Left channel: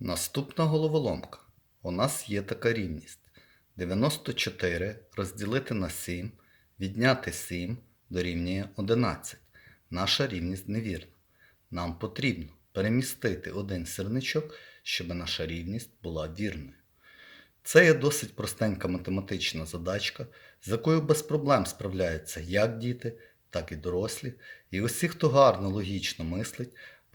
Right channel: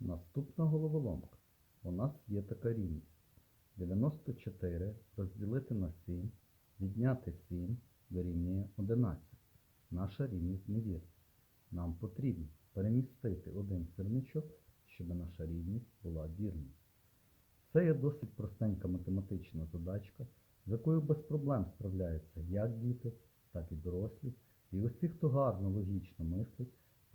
Наступна головоломка. У нас є така рівність. 94 розділити на 7, відняти 7 дорівнює 11. Наша рівність невірна. Нам потрібно перемістити один сірничок, щоб наша рівність була вірною. Це є досить простенька математична задачка, з якою без проблем справляються як діти, так і дорослі, і усі, хто гарно логічно мислить,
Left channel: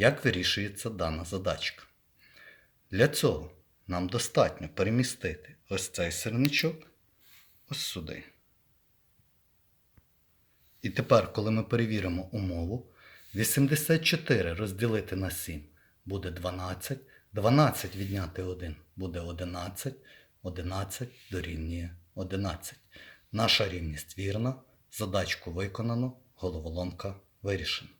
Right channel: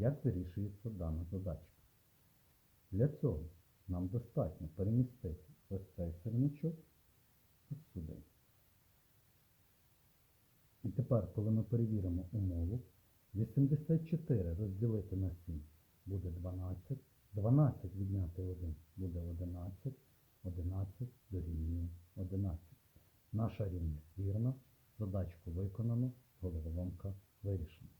Як вирішується дана задачка? Для цього нам достатньо перемістити ось цей сирничок ось сюди. І тепер, коли ми перевіримо умову, 84 розділити на 7 буде 12, 12 відняти 1 буде 11, 11 дорівнює 11. Наша рівність вірна, задачку виконано, головоломка вирішена.